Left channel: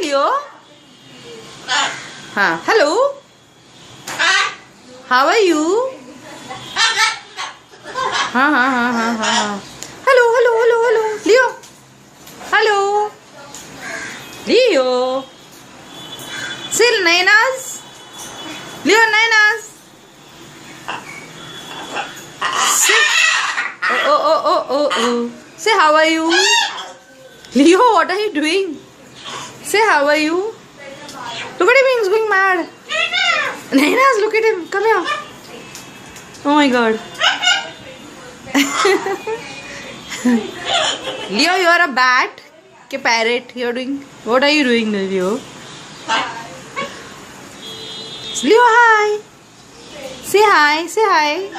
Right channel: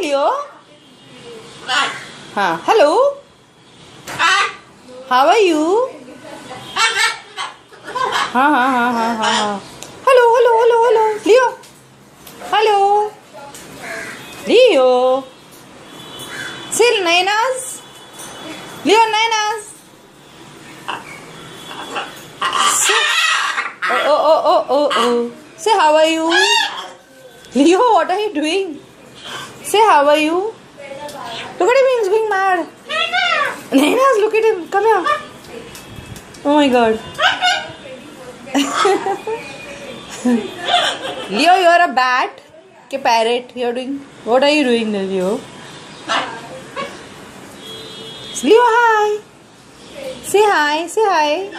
Leo. Hello. How are you? Hello, hello, hello, hello. Leo. Hello. Leo. Say Nainas. Leo, Nainas. Say. Oh. Say how are you? Leo, what are you doing? Say how are you? Look at him, he's going mad. Nainas, look at him. Come here. Oh my god. Leo, you are a bat. Okay, parrot. You're doing. What are you doing, Leo? Leo, hi. Say hi. Say hi.